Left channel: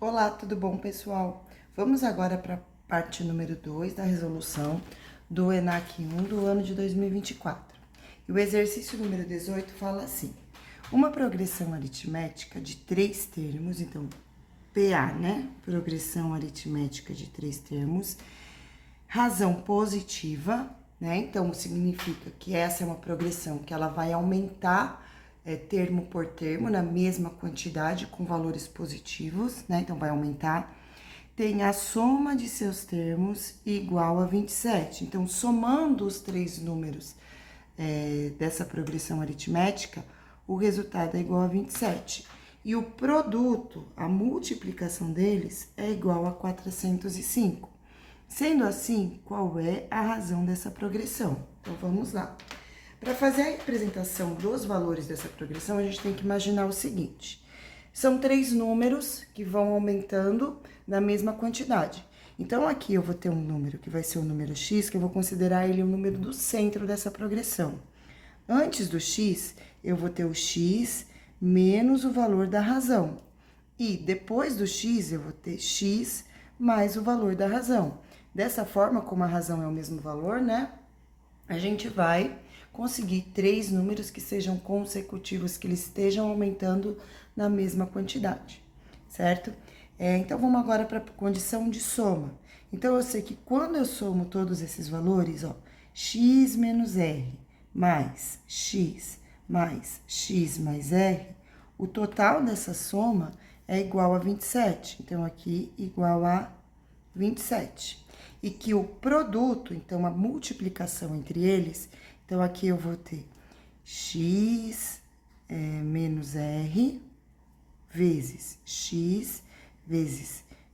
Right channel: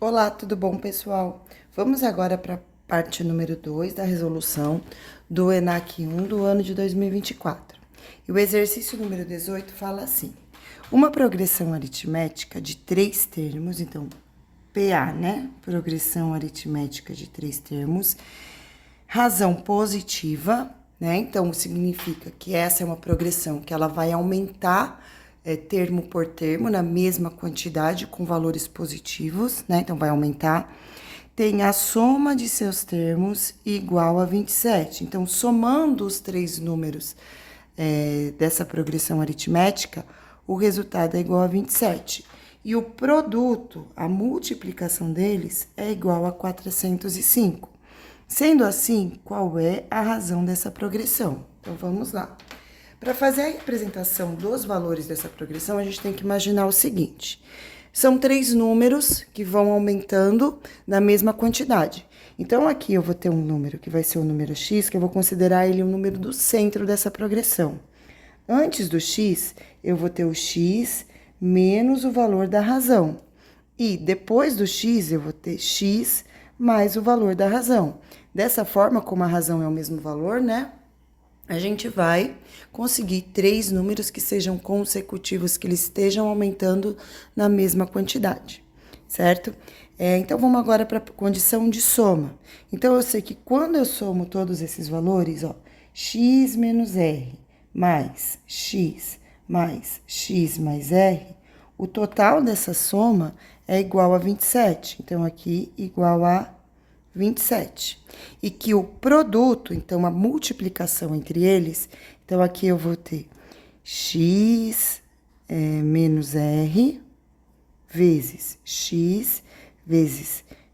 Olá, tudo bom, pessoal? Vamos agora para a parte número 2 da resolução do ENAC 1 do ano de 2024. E o exercício número 18 fala assim: uma progressão aritmética de 3 termos, então, PA, né? Progressão aritmética de 3 termos, razão positiva, né? Então, significa que essa é uma progressão que ela vai aumentar termo por termo na mesma quantidade com valores positivos, né? Então, vai aumentar. Tem a soma de seus termos igual a 27. Então, somando os 3 números dessa progressão aritmética, o resultado é igual a 27. E o produto, a multiplicação deles, é igual a 405. Sendo assim, qual é a razão dessa progressão? Então, vamos lá. Para fazer a representação dos valores dessa progressão, a gente tem que imaginar o seguinte: são 3 números que vão aumentando na mesma quantidade. Então, aqui eu vou ter um número que vai ser o número x, que eu vou considerar ele o número do centro dessa progressão. Antes do x, eu vou ter o x menos o valor da razão. E depois do x, eu vou ter x mais o valor da razão. Dessa forma, como a razão é o mesmo valor, né? A gente vai conseguir 3 números que sejam consecutivos, que eles estejam aumentando na mesma quantidade, certo? Então, vamos agora para a condição de soma. Então, eu sei que quando eu somo todos esses valores, ó, x menos r mais x mais r, o total dessa soma é igual a 27. Então, aqui, igual a 27. E que o produto, então, a multiplicação entre eles, então, aqui eu vou ter x menos r vezes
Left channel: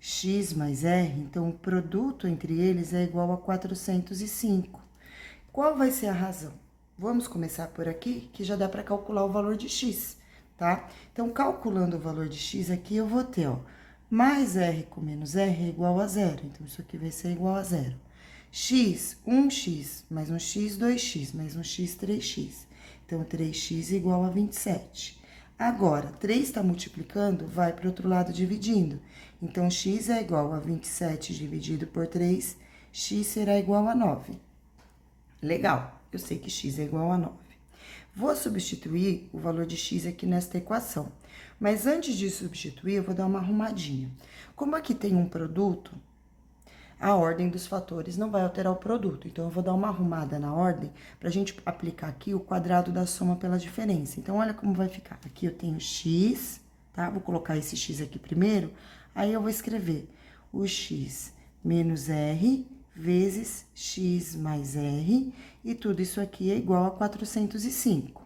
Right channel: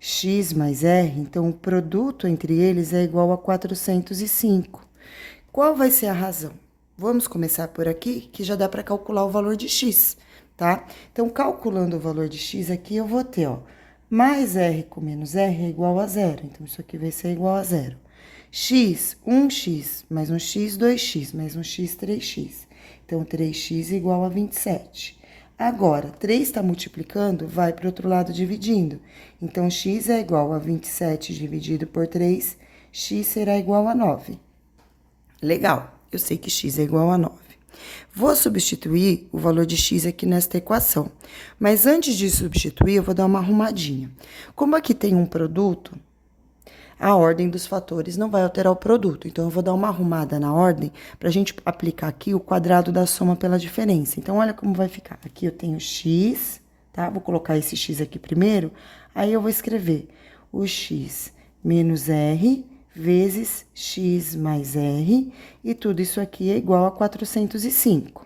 x mais r, então, o produto entre eles é igual a 405. Qual vai ser a razão? Vamos começar por aqui, que já dá para calcular o valor de x, tá? Então, calculando o valor de x aqui, eu vou ter, ó, mais r com menos r é igual a zero. Então, isso aqui vai ser igual a zero. X, 1x, mais 1x, 2x, mais 1x, 3x. Então, 3x igual a 27. Agora, 3 está multiplicando, vai para o outro lado dividindo. Então, x é igual a 27 dividido por 3, x será igual a 9. Legal, eu sei que x é igual a 9. Vou substituir o valor de x aqui nesta equação. Mas antes de substituir, eu vou dar uma arrumadinha. Como aqui tem um produto, a ordem dos fatores não vai alterar o produto. Então, eu vou dar uma arrumada na ordem para a gente aplicar aqui o quadrado da soma pela diferença. Então, olha como vai ficar. Aqui eu tenho x, tá? Vou colocar esse x aqui primeiro. Aí, eu vou escrever o x menos r vezes x mais r, e tudo isso aqui é igual a 405.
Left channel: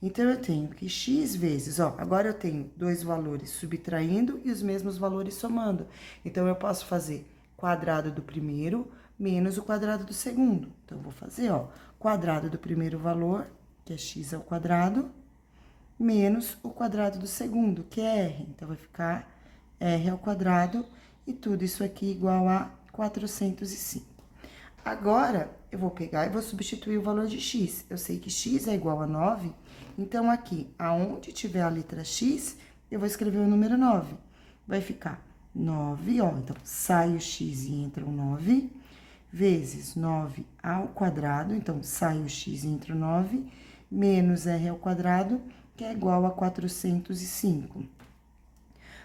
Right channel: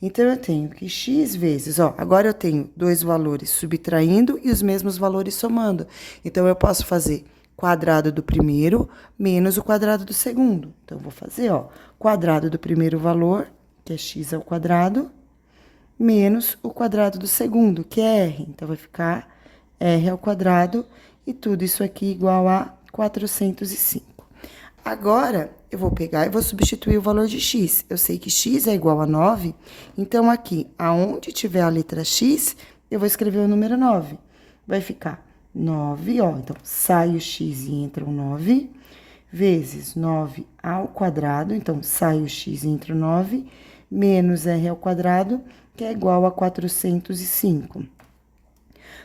Então, eu tenho que x vezes, ó, agora eu tenho dois valores subtraindo e os mesmos valores somando. Então, eu posso fazer quadrado do primeiro menos o quadrado do segundo. Então, eu vou fazer, ó, quadrado do primeiro valor, que é x ao quadrado, menos o quadrado do segundo, que é r. Então, vai ficar r ao quadrado, e tudo isso aqui igual a 405. Agora, eu vou pegar e vou substituir o valor de x. Eu sei que x é igual a 9, então aqui, aonde tiver a letra x, eu vou escrever o número 9. Vai ficar 9, ó, então, sai o x e entra o 9, vezes 9 ao quadrado, então, sai o x e entra o 9, menos r ao quadrado, que é igual a 405.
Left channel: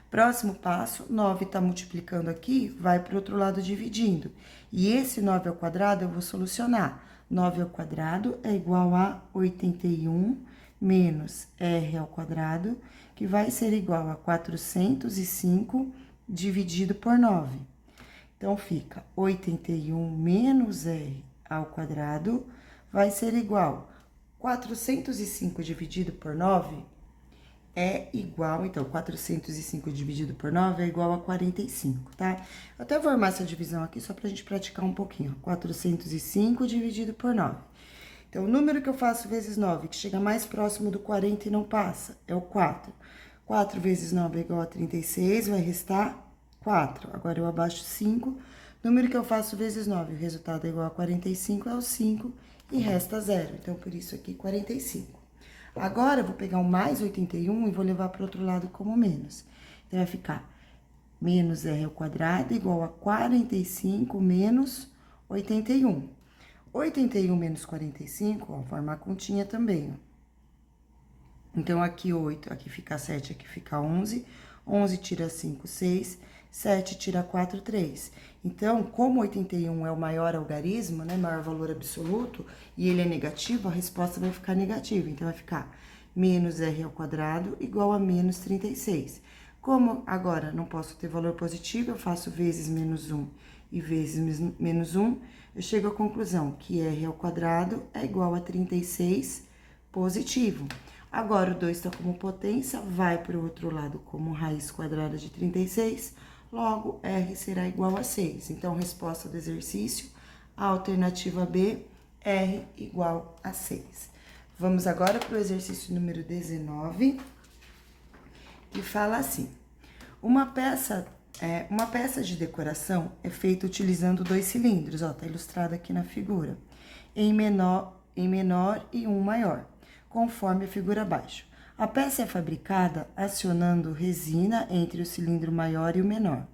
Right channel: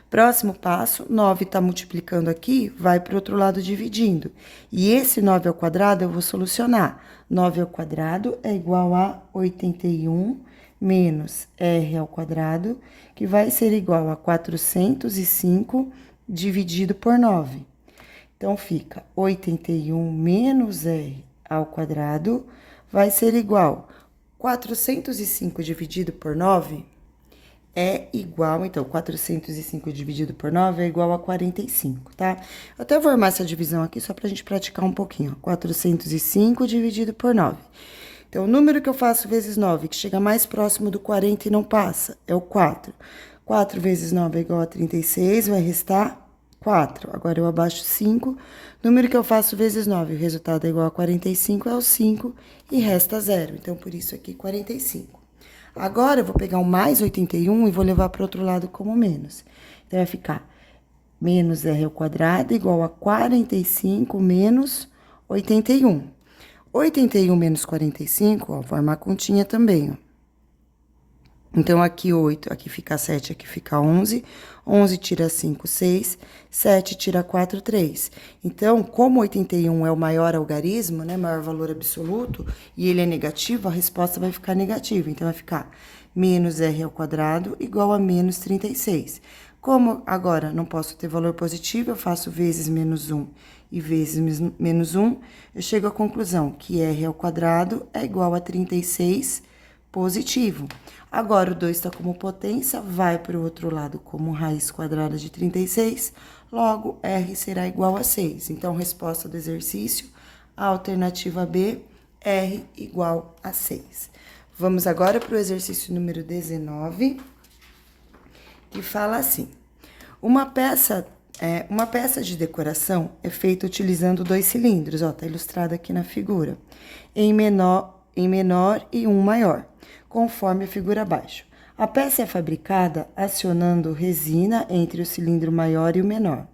Próximo passo, 9 está multiplicando aqui, vai para o outro lado dividindo. E esse 9 ao quadrado eu vou solucionar. 9 ao quadrado é igual a 81 menos r ao quadrado, que vai ser igual a 405 dividido por 9. Então, fica 81 menos r ao quadrado vai ser igual a 405 dividido por 9 é igual, então, 405 dividido por 9 é igual a 45, tá? Eu até vou armar essa divisão aqui só pra gente praticar um pouquinho, ó. 405 dividido por 9. Então, o número que eu faço vezes 9, que chega mais próximo do 40 e não passa, é o 4. 4 vezes 9 é igual a 36, vai restar 4. Agora, eu abaixo 5. Número que eu faço vezes 9, o resultado é igual a 45, é o 5, e resta 0. Então, por isso aqui, 45. Agora, eu vou pegar o mais 81 e vou levar para o outro lado como menos. Então, vai ficar menos r ao quadrado igual a 45 menos 81. 81 menos 45, ó, forma a continha também, ó. Então, aqui 8, aqui fica 7, aqui fica 11. 11 tira 5, 6. 7 tira 4, 3. Então, como 81 é o maior algarismo, né, maior valor absoluto, e ele é negativo, a resposta vai ficar negativa. Então, vai ficar menos r ao quadrado igual a menos 36. Como agora não posso ter valor positivo, eu faço vezes menos 1 e vezes menos 1, eu chego à conclusão que r ao quadrado é igual a 36 positivo. Agora, o 2 está como potência, vai para o outro lado como raiz quadrada de 36, logo, R será igual a 6. Então, resposta do exercício, a alternativa B, R igual a 6. Vamos agora para o exercício número 19, que fala assim: uma peça de decoração é feita utilizando 2 cilindros, ó, tá ilustrado aqui na figura, em menor e um maior, conforme a figura abaixo. A peça é fabricada acionando resina entre o cilindro maior e o menor.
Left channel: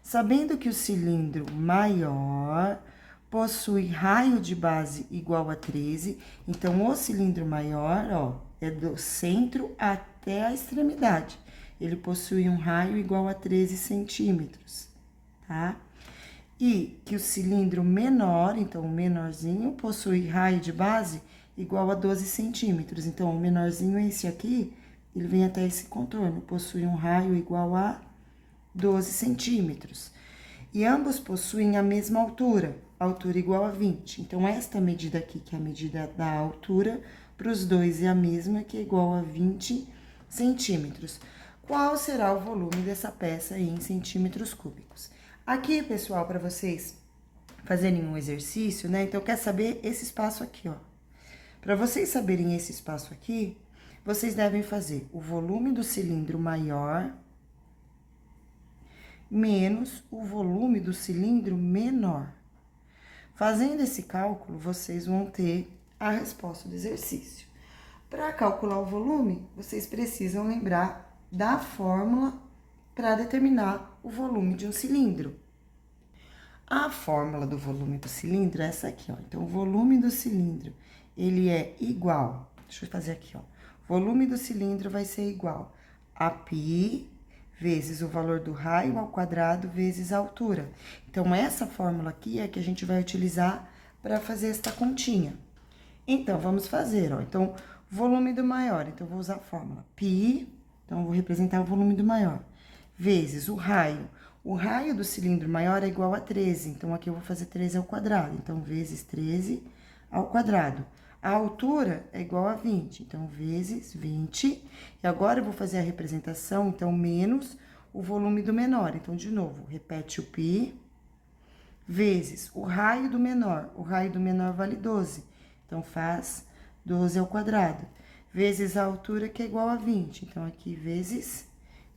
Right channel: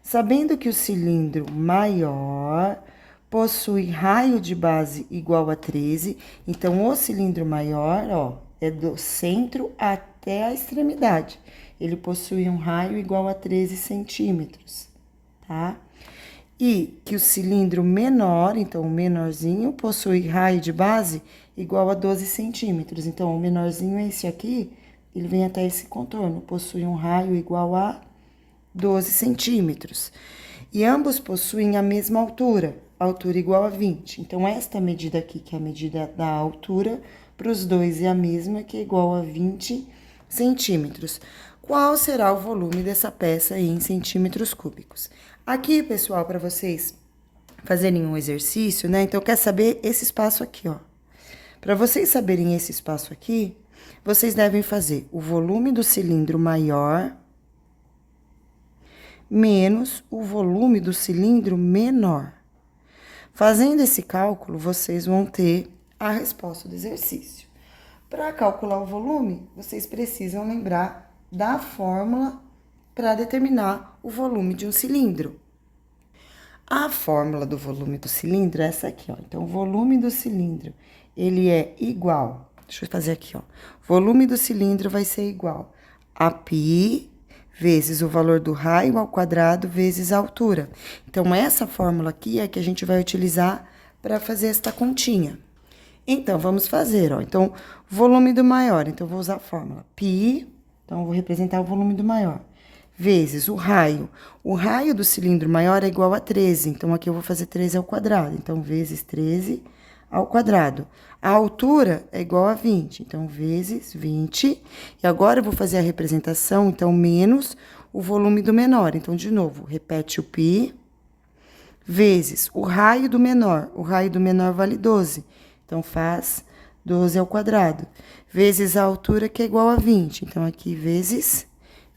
Sabendo que o cilindro maior possui raio de base igual a 13, então o cilindro maior, ó, é do centro até a extremidade. Ele possui um raio igual a 13 centímetros, tá? E que o cilindro menor, então o menorzinho, possui raio de base igual a 12 centímetros. Então, o menorzinho é esse aqui, ele vem até esse contorno, possui um raio igual a 12 centímetros. E ambos possuem a mesma altura igual a 20. Então, esta medida aqui, que é a medida da altura, para os dois é a mesma, que é igual a 20 centímetros. Qual será o volume dessa peça aí em centímetros cúbicos? Aqui, pessoal, para vocês fazerem um exercício, né? Então, quer saber esse espaço aqui, ó. Para vocês saberem esse espaço aqui, vocês devem fazer o volume do cilindro maior menos o volume do cilindro menor. Fazendo esse cálculo, vocês vão ter a resposta do exercício. Para calcular o volume, vocês precisam lembrar da fórmula para determinar o volume de um cilindro. A fórmula do volume do cilindro é essa aqui, ó. Então, o volume do cilindro, ele é igual, deixa eu fazer aqui, ó. Volume do cilindro vai ser igual a π vezes o valor do raio ao quadrado vezes a altura. Então, essa fórmula aqui é que a gente vai utilizar para fazer esta continha. Então, vamos fazer, ó. Então, volume do maior, então, vou usar a fórmula π, então, vou representar o volume do maior, vezes o raio. O raio do cilindro maior é igual a 13, então, aqui eu vou fazer 13 ao quadrado. Então, vezes 13 ao quadrado. A altura é igual a 20, então, vezes 20. E agora, eu vou fazer a representação, então, menos o volume do menor. Então, de novo, repete o π, vezes o raio do menor. O raio do menor vale 12, então, faz 12 ao quadrado. Vezes a altura, que é igual a 20. Então, aqui, vezes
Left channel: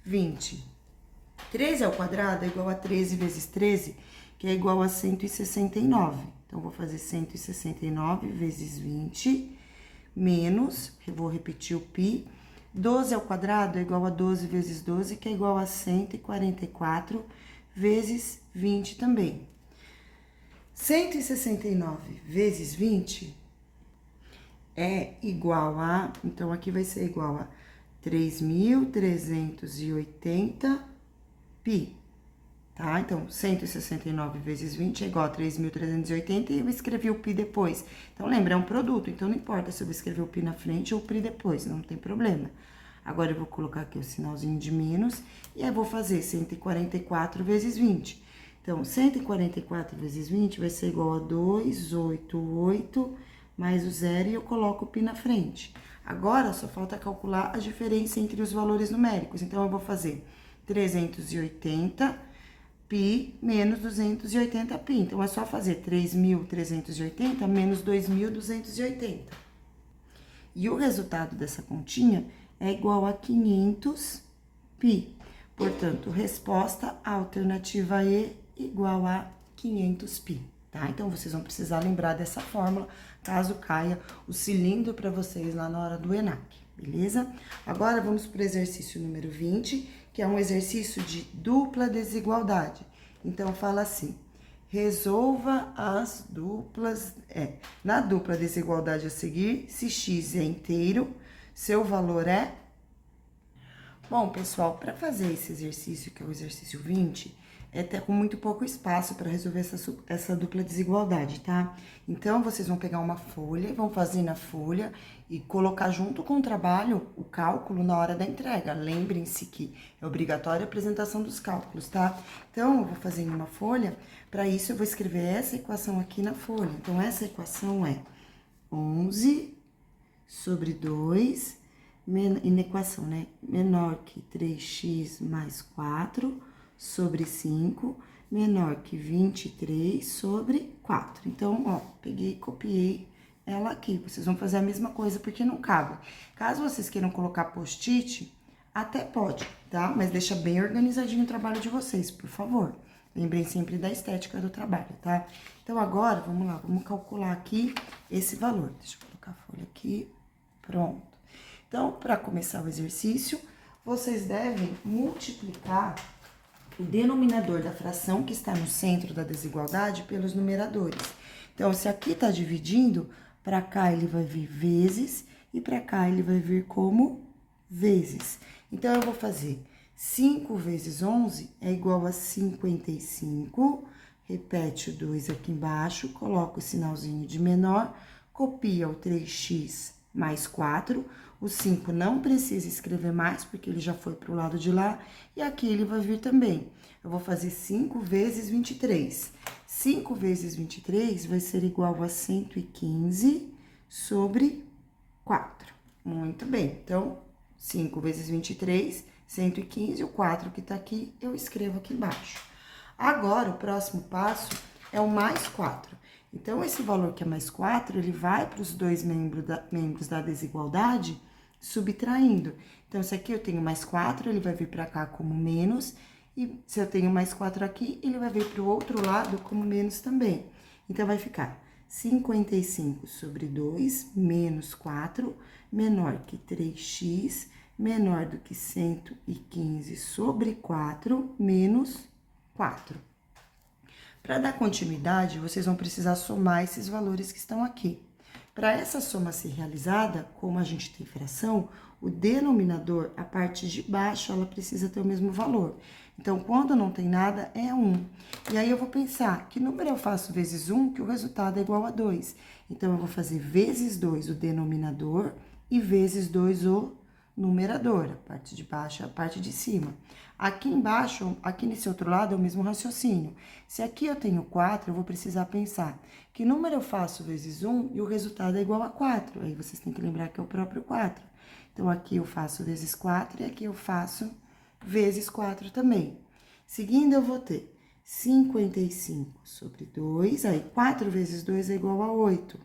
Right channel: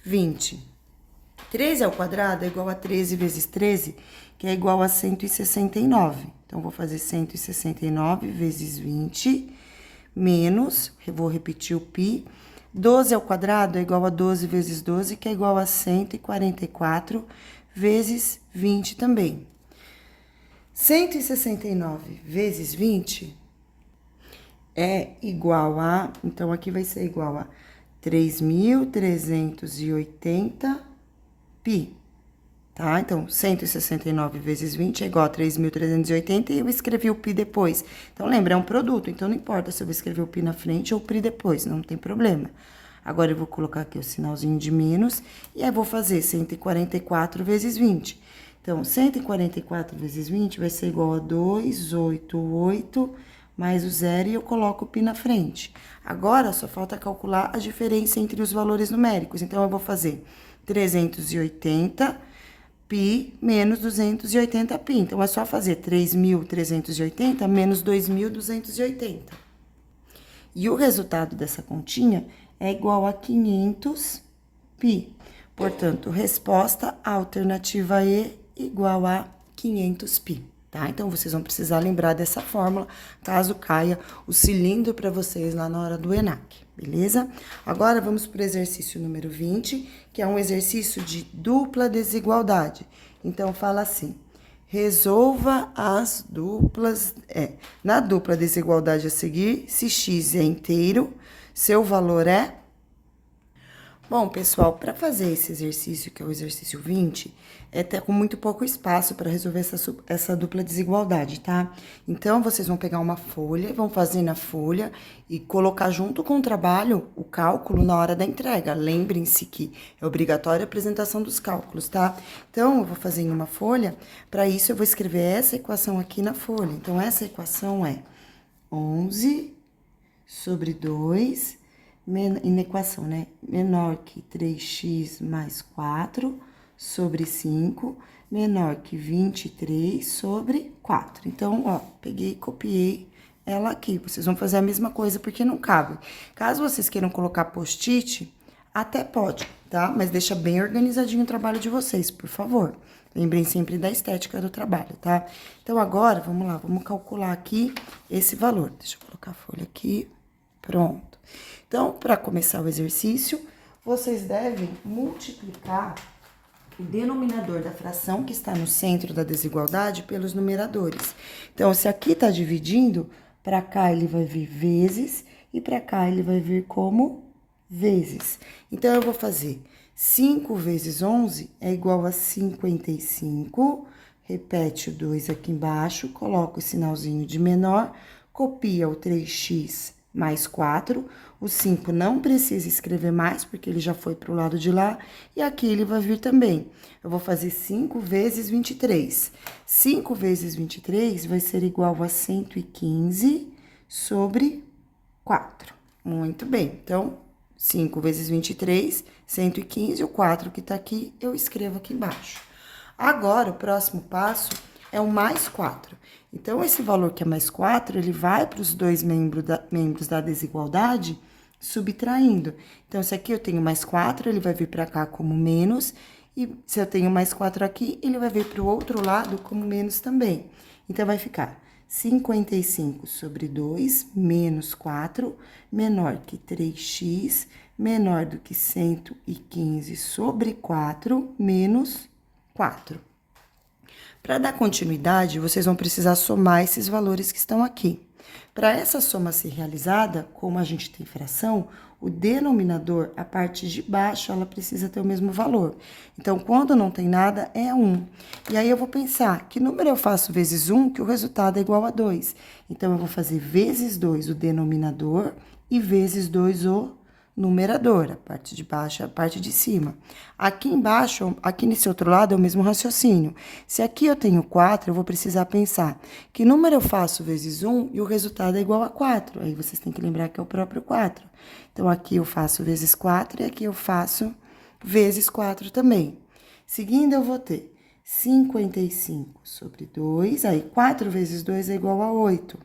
20. 13 ao quadrado é igual a 13 vezes 13, que é igual a 169. Então, vou fazer 169 vezes 20, menos, vou repetir o π, 12 ao quadrado é igual a 12 vezes 12, que é igual a 144 vezes 20 também. 169 vezes 20 é igual a, então, aqui vai ser igual a 3.380 π, tá? Então, 169 vezes 20 é igual a 3.380 e eu escrevi o π depois. Então, lembra, é um produto, então não importa se eu vou escrever o π na frente ou o π depois, não tem problema. Agora, eu vou colocar aqui o sinalzinho de menos e aí vou fazer 144 vezes 20. Então, 144 vezes 20 vai ser igual a 288 mais o zero e eu coloco o π na frente. Agora, só falta calcular a diferença entre os valores numéricos. Então, eu vou fazer 380 π menos 280 π. Então, é só fazer 3.380 menos 2.280. E o resultado dessa continha é igual a 500 π. Portanto, resposta alternativa E igual a 500 π. Tá? Então, vocês vão precisar lembrar dessa fórmula, caso caia o cilindro para vocês lá na hora do ENAC. beleza? Agora, vamos para o exercício número 20, que é um exercício de dupla desigualdade. Então, fala assim, resolva as duplas... na dupla desigualdade a seguir, se x é inteiro, seu valor é... Bom, pessoal, para fazer esse exercício, que é o exercício 20, tá com muito pouco espaço para resolver essa dupla desigualdade, tá? Então, vocês vão pegar uma folha, vão fazer na folha e colocar junto com o trabalho o cálculo na hora da entrega. Lembrem-se que é obrigatória a apresentação dos cálculos, tá? Então, eu vou fazer em uma folha, para isso eu vou escrever essa equação aqui na folha. Então, essa equação é 11 sobre 2... e na equação, né? Menor que 3x mais 4 sobre 5, menor que 23 sobre 4. Então, ó, peguei e copiei ela aqui. Vocês vão fazer a mesma coisa porque não cabe. Caso vocês queiram colocar post-it, até pode, tá? Mas deixa bem organizadinho o trabalho de vocês, por favor. Lembrem sempre da estética do trabalho, tá? Então, agora, vamos lá, vamos calcular aqui esse valor. Deixa eu colocar a folha aqui. Pronto. Então, para começar o exercício, vocês devem multiplicar o denominador da fração que está no centro da desigualdade pelos numeradores. Então, se aqui está dividindo, para cá ele vai vir vezes e para cá ele vai vir como vezes. Então, eu vou fazer 5 vezes 11 é igual a 55. Repete o 2 aqui embaixo, coloca o sinalzinho de menor, copia o 3x mais 4. O 5 não precisa escrever mais, porque ele já foi para o lado de lá. E aqui ele vai vir também. Eu vou fazer 5 vezes 23. 5 vezes 23 vai ser igual a 115 sobre 4. Muito bem. Então, 5 vezes 23, 115. O 4 que tá aqui, eu escrevo aqui embaixo. Agora, o próximo passo é o mais 4. Então, esse valor que é mais 4, ele vai para os dois membros da desigualdade, subtraindo. Então, se aqui eu tenho mais 4, ele vai vir para cá como menos, e se eu tenho mais 4 aqui, ele vai vir para o outro lado como menos também. Então, vai ficar 55 sobre 2, menos 4, menor que 3x, menor do que 115 sobre 4, menos 4. Para dar continuidade, vocês vão precisar somar esses valores que estão aqui. Para essa soma ser realizada, como a gente tem fração, o denominador, a parte de baixo, ela precisa ter o mesmo valor. Então, quando não tem nada, é 1. E aí, eu vou pensar, que número eu faço vezes 1, que o resultado é igual a 2. Então, eu vou fazer vezes 2 o denominador e vezes 2 o numerador, a parte de baixo, a parte de cima. Aqui embaixo, aqui nesse outro lado, é o mesmo raciocínio. Se aqui eu tenho 4, eu vou precisar pensar que número eu faço vezes 1 e o resultado é igual a 4. Aí, vocês têm que lembrar que é o próprio 4. Então, aqui eu faço vezes 4 e aqui eu faço vezes 4 também. Seguindo, eu vou ter 55 sobre 2, aí 4 vezes 2 é igual a 8.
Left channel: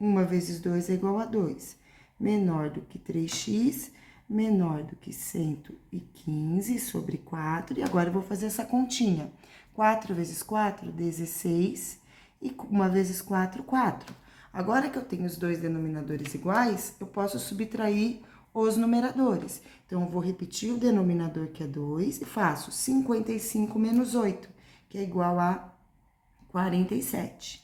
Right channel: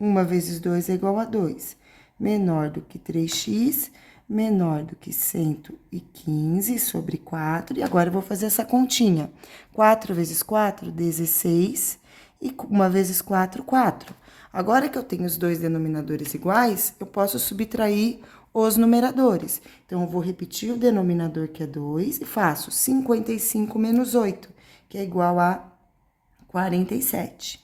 1 vezes 2 é igual a 2. Menor do que 3x, menor do que 115 sobre 4. E agora eu vou fazer essa continha. 4 vezes 4, 16. E 1 vezes 4, 4. Agora que eu tenho os dois denominadores iguais, eu posso subtrair os numeradores. Então, eu vou repetir o denominador, que é 2, e faço 55 menos 8, que é igual a 47.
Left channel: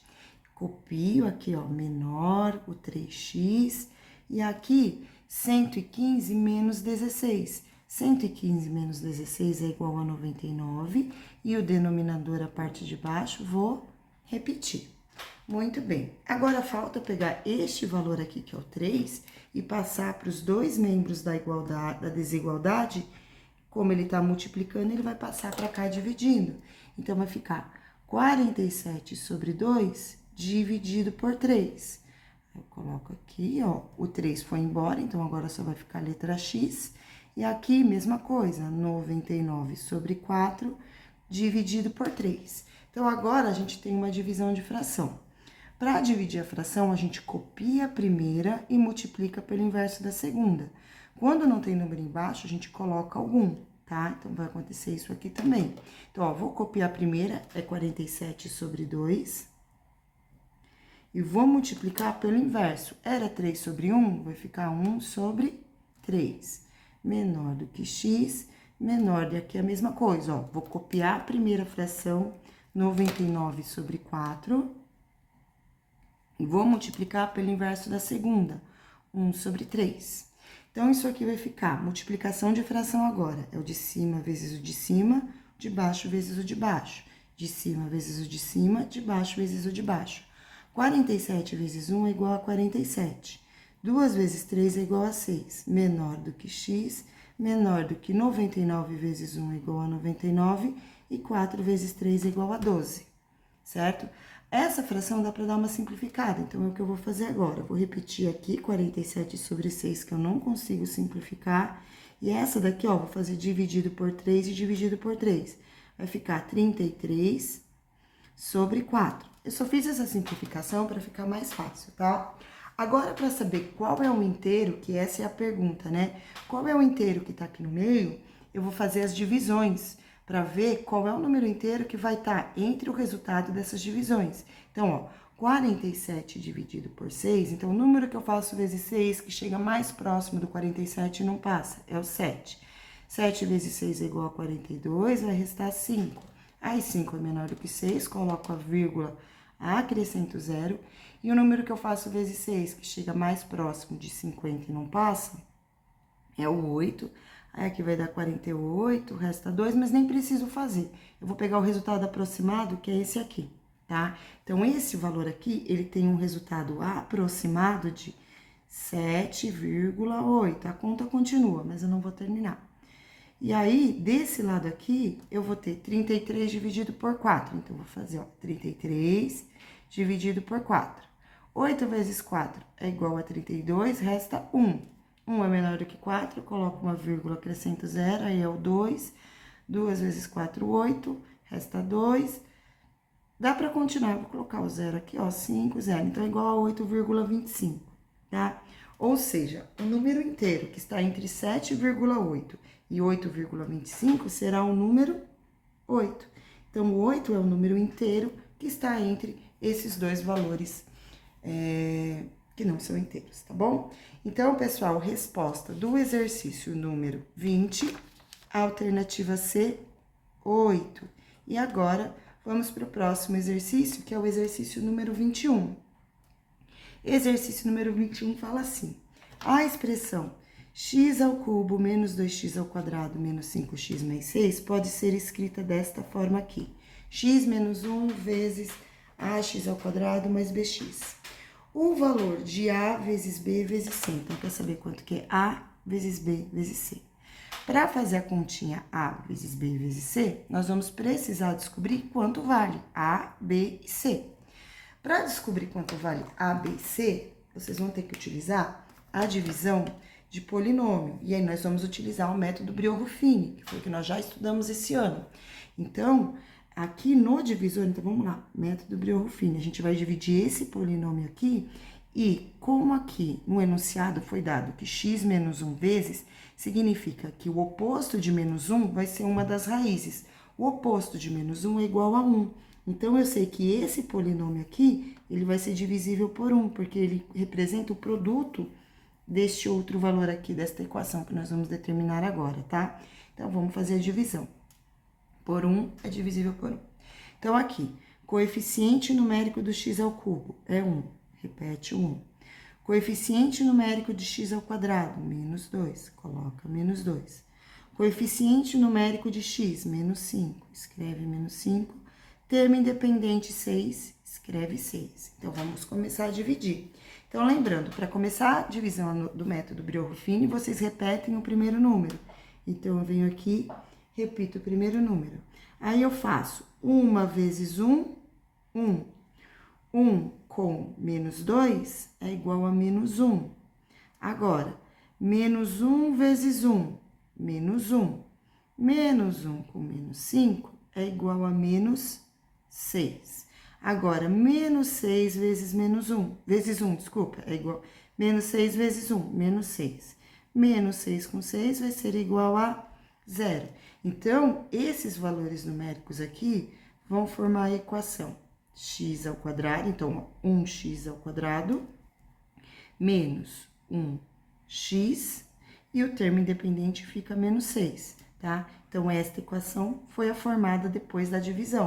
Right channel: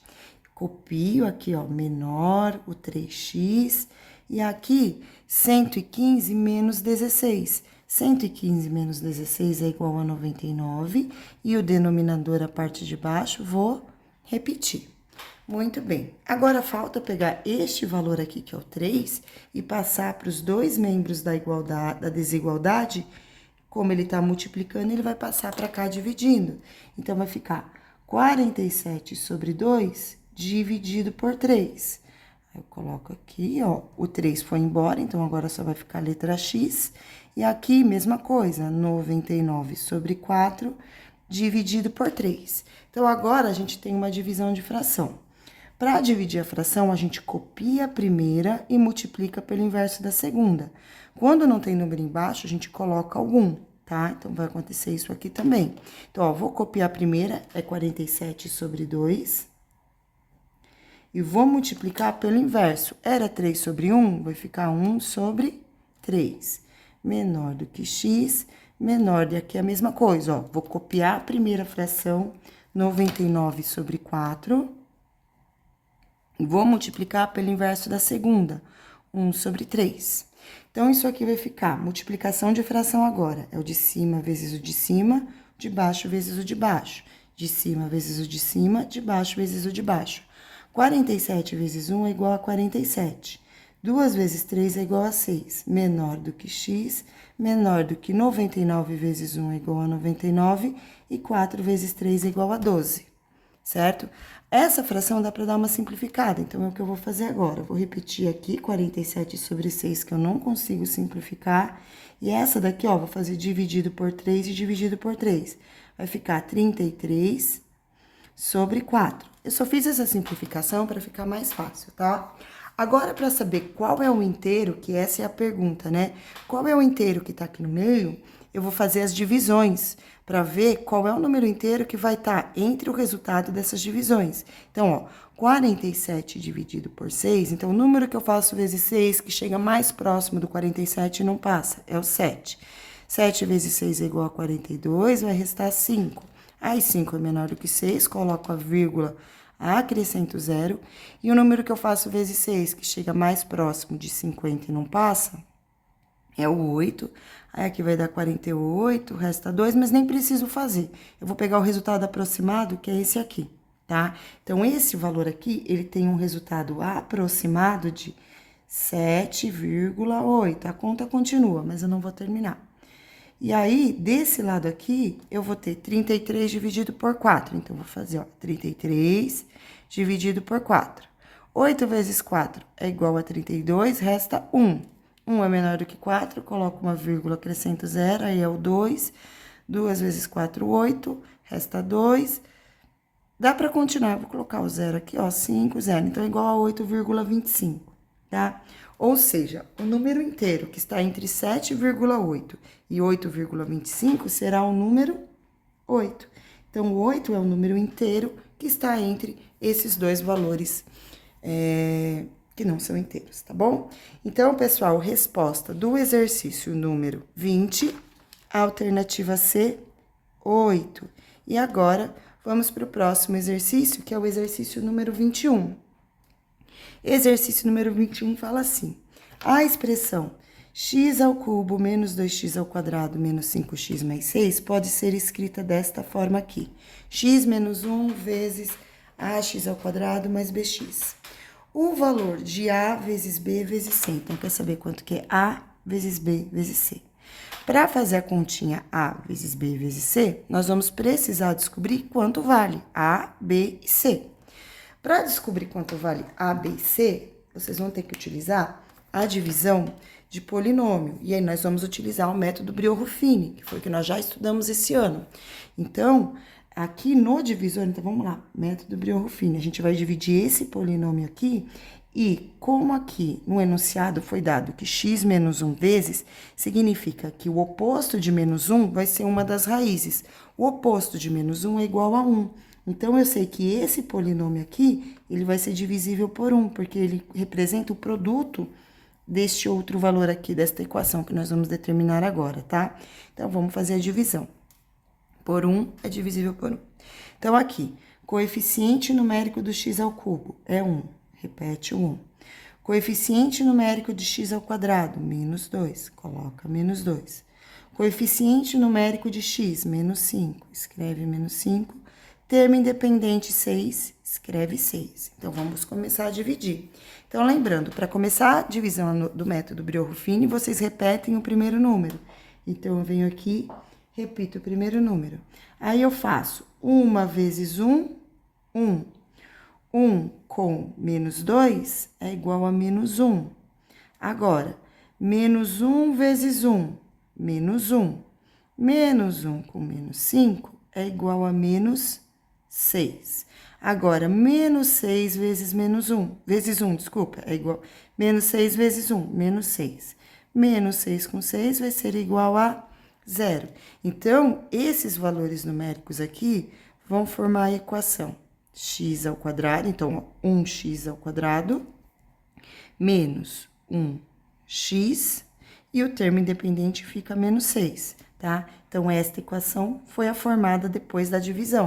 Copio aqui, ó, menor, o 3x, e aqui 115 menos 16. 115 menos 16 é igual a 99, e o denominador, a parte de baixo, vou repetir. Muito bem. Agora, falta pegar este valor aqui, que é o 3, e passar para os dois membros da desigualdade. Como ele está multiplicando, ele vai passar para cá dividindo. Então, vai ficar 47 sobre 2 dividido por 3. Eu coloco aqui, ó, o 3 foi embora, então agora só vai ficar a letra X. E aqui, mesma coisa, 99 sobre 4 dividido por 3. Então, agora a gente tem uma divisão de fração. Para dividir a fração, a gente copia a primeira e multiplica pelo inverso da segunda. Quando não tem número embaixo, a gente coloca algum, tá? Então, vai acontecer isso aqui também. Então, ó, vou copiar a primeira, é 47 sobre 2. e vou multiplicar pelo inverso. Era 3 sobre 1, vai ficar 1 sobre 3. Menor do que x, menor do que a mesma coisa, ó. Vou copiar a primeira fração, 99 sobre 4, e vou multiplicar pelo inverso da segunda, 1 sobre 3. Então, isso aqui vai ficar multiplicação de fração agora. É o de cima vezes o de cima, de baixo vezes o de baixo. De cima vezes o de cima, de baixo vezes o de baixo. 47 vezes 1 é igual a 47. 2 vezes 3 é igual a 6. Menor do que x, menor do que 99 vezes 1 é igual a 99. E 4 vezes 3 é igual a 12, certo? Essa fração dá para dar uma simplificada, então é o que eu vou fazer agora. Eu vou repetir aqui 47 sobre 6, que eu não consigo simplificar. E essa daqui, ó, vou fazer dividido por 3 e dividido por 3. Vai ficar 33 sobre 4. Eu só fiz essa simplificação para ficar mais fácil, tá? Agora, para saber qual é o inteiro, que essa é a pergunta, né? Qual é o inteiro que tá aqui no meio, eu vou fazer as divisões para ver qual é o número inteiro que vai estar entre o resultado dessas divisões. Então, ó, 47 dividido por 6, então o número que eu faço vezes 6, que chega mais próximo do 47 e não passa, é o 7. 7 vezes 6 é igual a 42, vai restar 5. Aí, 5 é menor do que 6, coloco a vírgula, acrescento 0. E o número que eu faço vezes 6, que chega mais próximo de 50 e não passa, é o 8. Aí, aqui vai dar 48, resta 2, mas nem preciso fazer. Eu vou pegar o resultado aproximado, que é esse aqui, tá? Então, esse valor aqui, ele tem um resultado aproximado de 7,8. A conta continua, mas eu não vou terminar. E aí, desse lado aqui, eu vou ter 33 dividido por 4. Então, vou fazer, ó, 33 dividido por 4. 8 vezes 4 é igual a 32, resta 1. 1 é menor do que 4, coloco uma vírgula, acrescento 0, aí é o 2. 2 vezes 4, 8, resta 2. Dá para continuar, vou colocar o 0 aqui, ó, 5, 0. Então, é igual a 8,25, tá? Ou seja, o número inteiro que está entre 7,8 e 8,25 será o número 8. Então, o 8 é o número inteiro que está entre esses dois valores que não são inteiros, tá bom? Então, pessoal, resposta do exercício número 20, alternativa C, 8. E agora, vamos para o próximo exercício, que é o exercício número 21. Exercício número 21 fala assim: a expressão x ao cubo menos 2x ao quadrado menos 5x mais 6 pode ser escrita desta forma aqui: x menos 1 vezes ax ao quadrado mais bx. O valor de a vezes b vezes c. Então, quer saber quanto que é a vezes b vezes c. Para fazer a continha a vezes b vezes c, nós vamos precisar descobrir quanto vale a, b e c. Para descobrir quanto vale a, b e c, vocês vão ter que utilizar a divisão de polinômio. E aí, nós vamos utilizar o método Brio-Ruffini, que foi o que nós já estudamos esse ano. Então, aqui no divisor, então vamos lá, método Brio-Ruffini, a gente vai dividir esse polinômio aqui e como aqui no enunciado foi dado que x menos 1 vezes, significa que o oposto de menos 1 vai ser uma das raízes. O oposto de menos 1 é igual a 1. Então, eu sei que esse polinômio aqui, ele vai ser divisível por 1, porque ele representa o produto deste outro valor aqui, desta equação que nós vamos determinar agora, tá? Então, vamos fazer a divisão. Por 1 é divisível por 1. Então, aqui, coeficiente numérico do x ao cubo é 1. Repete o 1. Coeficiente numérico de x ao quadrado, menos 2. Coloca menos 2. Coeficiente numérico de x, menos 5. Escreve menos 5. Termo independente 6, escreve 6. Então, vamos começar a dividir. Então, lembrando, para começar a divisão do método Brio-Ruffini, vocês repetem o primeiro número. Então, eu venho aqui, repito o primeiro número. Aí, eu faço 1 vezes 1, 1. 1 com menos 2 é igual a menos 1. Agora, menos 1 vezes 1, menos 1. Menos 1 com menos 5 é igual a menos 6. Agora, menos 6 vezes menos 1, vezes 1, desculpa, é igual, menos 6 vezes 1, menos 6. Menos 6 com 6 vai ser igual a 0. Então, esses valores numéricos aqui vão formar a equação x ao quadrado, então, 1x ao quadrado, menos 1x, e o termo independente fica menos 6, tá? Então, esta equação foi a formada depois da divisão.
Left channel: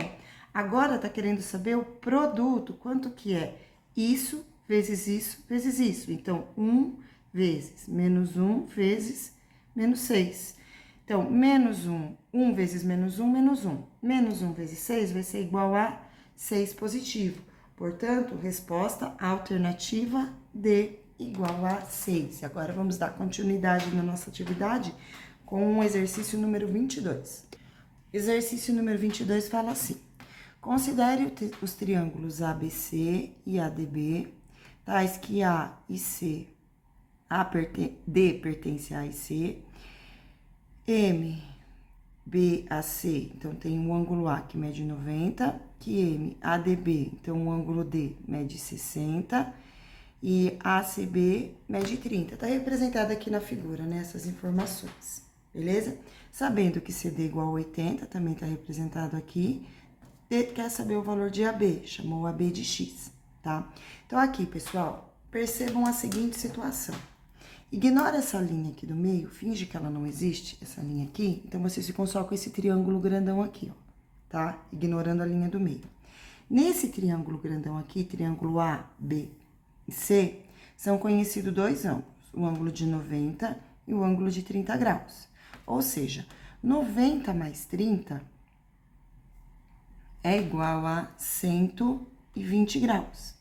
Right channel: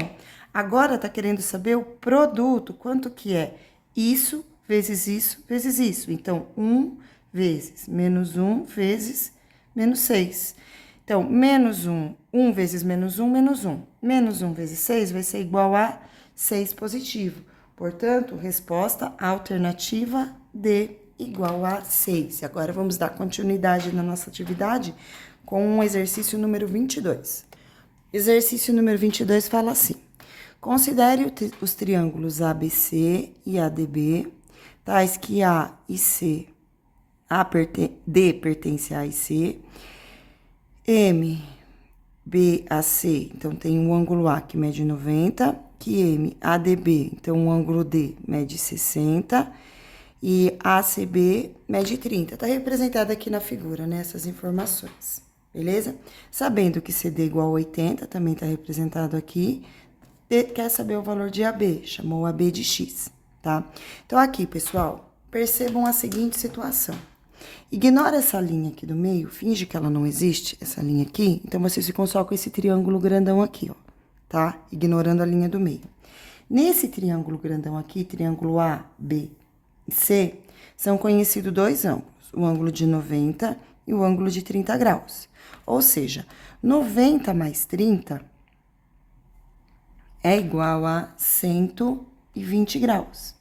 Agora, tá querendo saber o produto, quanto que é isso vezes isso vezes isso. Então, 1 vezes menos 1 vezes menos 6. Então, menos 1, 1 vezes menos 1, menos 1. Menos 1 vezes 6 vai ser igual a 6 positivo. Portanto, resposta alternativa D igual a 6. Agora, vamos dar continuidade na nossa atividade com o exercício número 22. Exercício número 22 fala assim: considere os triângulos ABC e ADB, tais que A e C, D pertence a A e C, M, B a C, então tem um ângulo A que mede 90, que M, ADB, então o ângulo D mede 60, e ACB mede 30. Tá representado aqui na figura, né, essas informações, beleza? Sabendo que CD igual a 80, também tá representado aqui. Quer saber o valor de AB, chamou AB de X, tá? Então, aqui, pessoal, percebam a seguinte situação. Ignora essa linha aqui do meio, finge que ela não existe, essa linha aqui. Então, vocês ficam só com esse triângulo grandão aqui, ó, tá? Ignorando a linha do meio. Nesse triângulo grandão aqui, triângulo A, B e C, são conhecidos dois ângulos, o ângulo de 90 e o ângulo de 30 graus. Ou seja, 90 mais 30 é igual a 120 graus.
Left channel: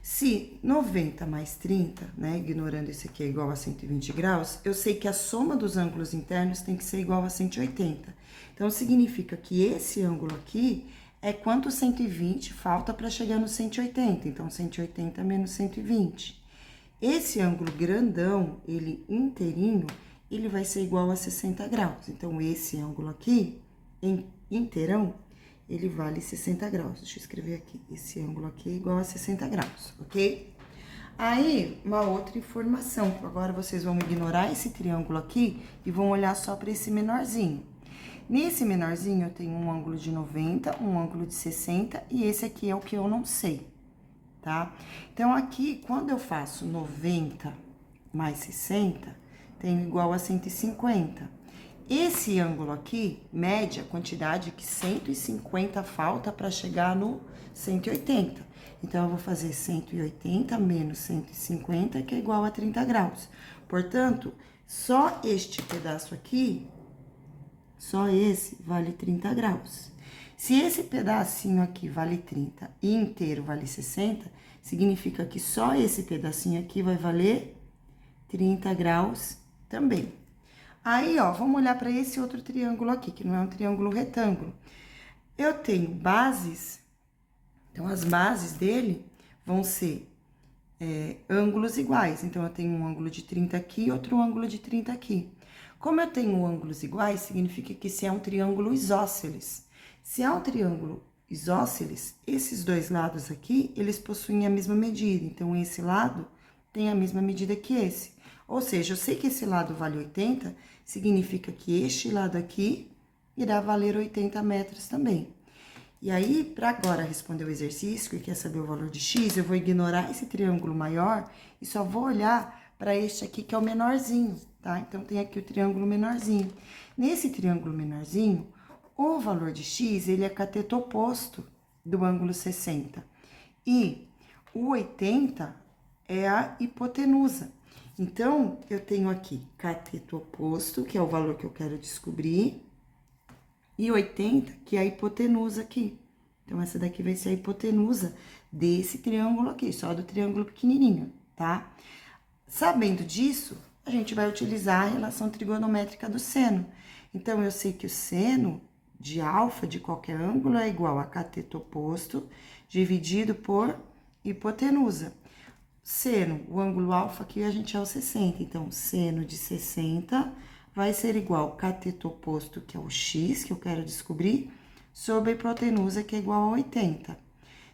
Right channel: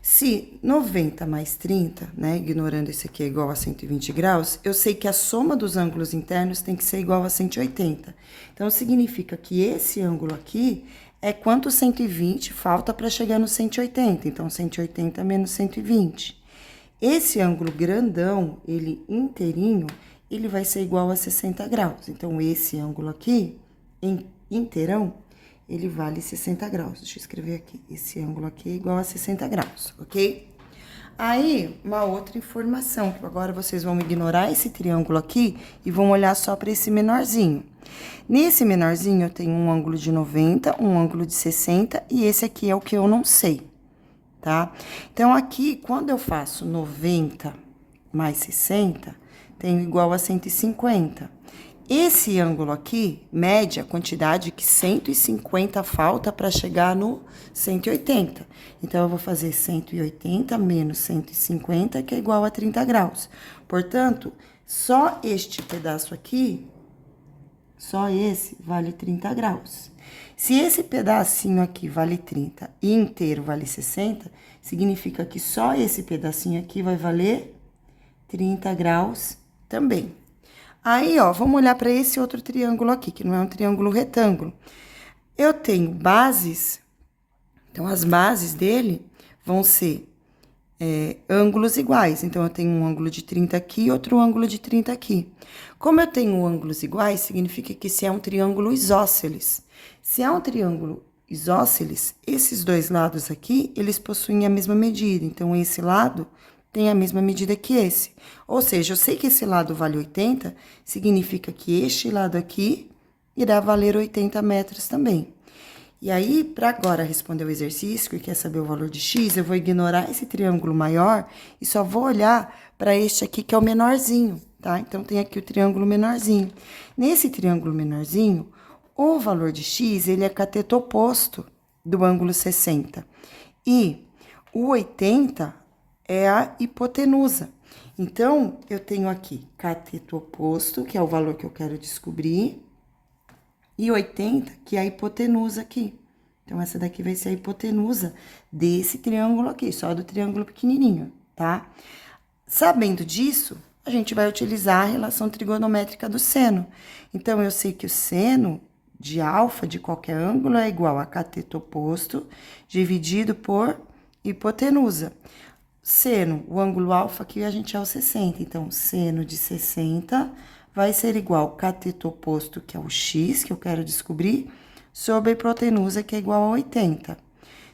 Se 90 mais 30, né, ignorando esse aqui é igual a 120 graus, eu sei que a soma dos ângulos internos tem que ser igual a 180. Então, significa que esse ângulo aqui é quanto 120 falta para chegar no 180. Então, 180 menos 120. Esse ângulo grandão, ele inteirinho, ele vai ser igual a 60 graus. Então, esse ângulo aqui, inteirão, ele vale 60 graus. Deixa eu escrever aqui. Esse ângulo aqui é igual a 60 graus, ok? Aí, uma outra informação, que agora vocês vão ignorar esse triângulo aqui e vão olhar só para esse menorzinho. Nesse menorzinho, eu tenho um ângulo de 90, um ângulo de 60, e esse aqui é o que eu não sei, tá? Então, aqui, quando eu faço 90 mais 60, tenho igual a 150. Esse ângulo aqui mede a quantidade que 150 falta para chegar no 180. Então, eu vou fazer 180 menos 150, que é igual a 30 graus. Portanto, só este pedaço aqui, só esse, vale 30 graus. Se esse pedacinho aqui vale 30 e inteiro vale 60, significa que só esse pedacinho aqui vai valer 30 graus também. Aí, ó, vamos olhar para esse outro triângulo aqui, que não é um triângulo retângulo. Eu tenho bases, então as bases dele vão ser ângulos iguais. Então, eu tenho um ângulo de 30 aqui e outro ângulo de 30 aqui. Como eu tenho ângulos iguais, significa que esse é um triângulo isósceles. Se é um triângulo isósceles, esses dois lados aqui, eles possuem a mesma medida. Então, esse lado tem a mesma medida que esse. Ou seja, eu sei que esse lado vale 80, significa que este lado aqui irá valer 80 metros também. E aí, para agora responder o exercício, que quer saber o valor de x, eu vou ignorar esse triângulo maior e só vou olhar para este aqui, que é o menorzinho, tá? Então, tem aqui o triângulo menorzinho. Nesse triângulo menorzinho, o valor de x, ele é cateto oposto do ângulo 60. E o 80 é a hipotenusa. Então, eu tenho aqui cateto oposto, que é o valor que eu quero descobrir, e 80, que é a hipotenusa aqui. Então, essa daqui vai ser a hipotenusa desse triângulo aqui, só do triângulo pequenininho, tá? Sabendo disso, a gente vai utilizar a relação trigonométrica do seno. Então, eu sei que o seno de alfa de qualquer ângulo é igual a cateto oposto dividido por hipotenusa. Seno, o ângulo alfa aqui a gente é o 60, então, seno de 60 vai ser igual ao cateto oposto, que é o x, que eu quero descobrir, sobre a hipotenusa, que é igual a 80.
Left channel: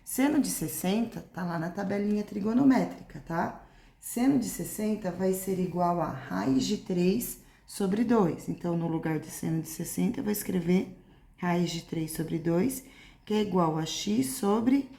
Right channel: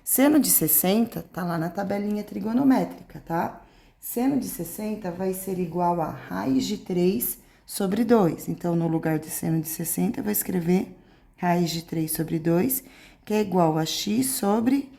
Seno de 60 tá lá na tabelinha trigonométrica, tá? Seno de 60 vai ser igual a raiz de 3 sobre 2. Então, no lugar de seno de 60, eu vou escrever raiz de 3 sobre 2, que é igual a x sobre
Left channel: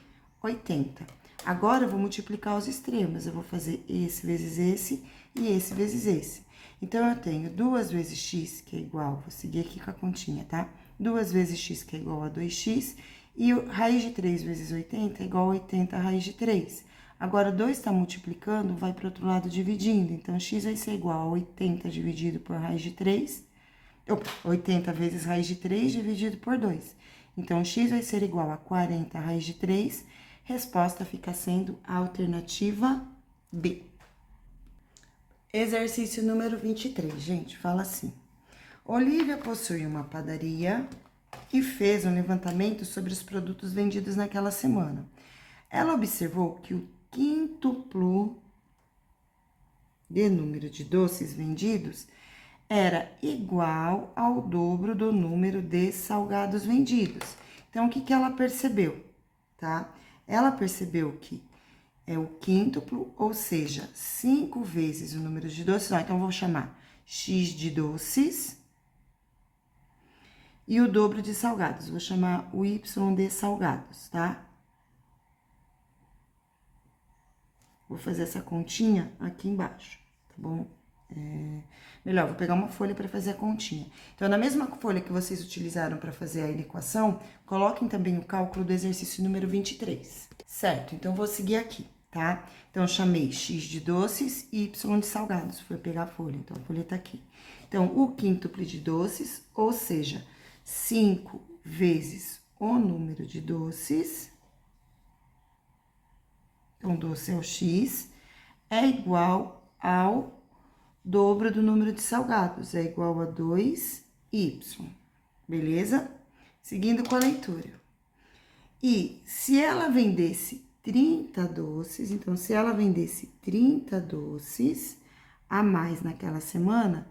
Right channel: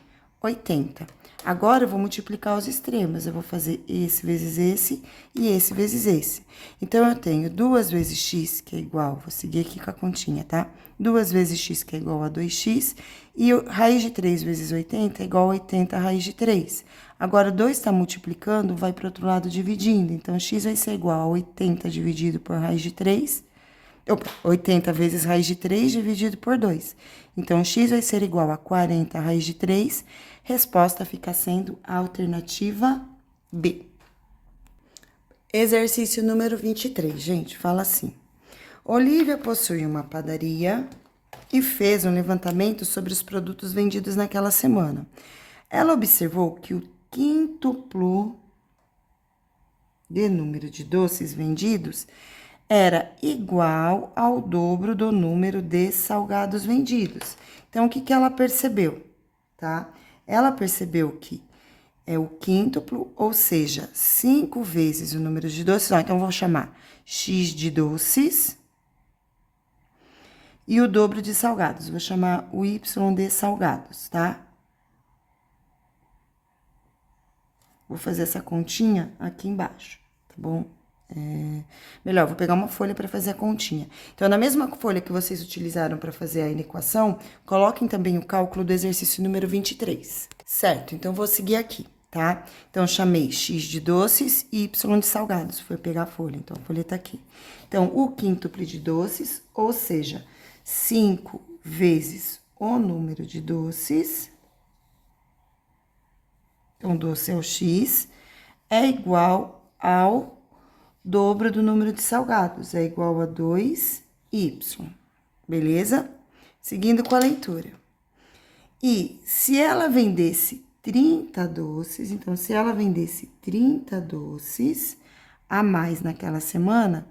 80. Agora, eu vou multiplicar os extremos. Eu vou fazer esse vezes esse e esse vezes esse. Então, eu tenho 2 vezes x, que é igual... Vou seguir aqui com a continha, tá? 2 vezes x, que é igual a 2x. E raiz de 3 vezes 80 é igual a 80 raiz de 3. Agora, 2 está multiplicando, vai para o outro lado dividindo. Então, x vai ser igual a 80 dividido por raiz de 3. 80 vezes raiz de 3 dividido por 2. Então, x vai ser igual a 40 raiz de 3. Resposta fica sendo a alternativa B. Exercício número 23, gente, fala assim. Olivia possui uma padaria e fez um levantamento sobre os produtos vendidos naquela semana. Ela observou que o quíntuplo de número de doces vendidos era igual ao dobro do número de salgados vendidos. Então, o que ela percebeu, tá? Ela percebeu que é o quíntuplo, ou seja, 5 vezes o número de doces. Então, eu vou chamar x de doces e o dobro de salgados. Vou chamar o y de salgados, tá? Vou fazer essa continha aqui embaixo, tá bom? Melhor, vou pegar uma folha para fazer a continha. Então, na mesma folha que vocês utilizaram para fazer a equação, coloquem também o cálculo do exercício número 23. Certo? Então, vou seguir aqui, tá? Então, chamei x de doces e y de salgados. Foi pegar a folha, então a folha tá aqui. Então, o quíntuplo de doces, ou seja, 5 vezes o número de doces. Então, doce é o x, é igual ao dobro do número de salgados, é igual a 2y, beleza? Seguindo com a leitura. E se ela vendesse 30 doces, então, se ela vendesse 30 doces a mais naquela semana,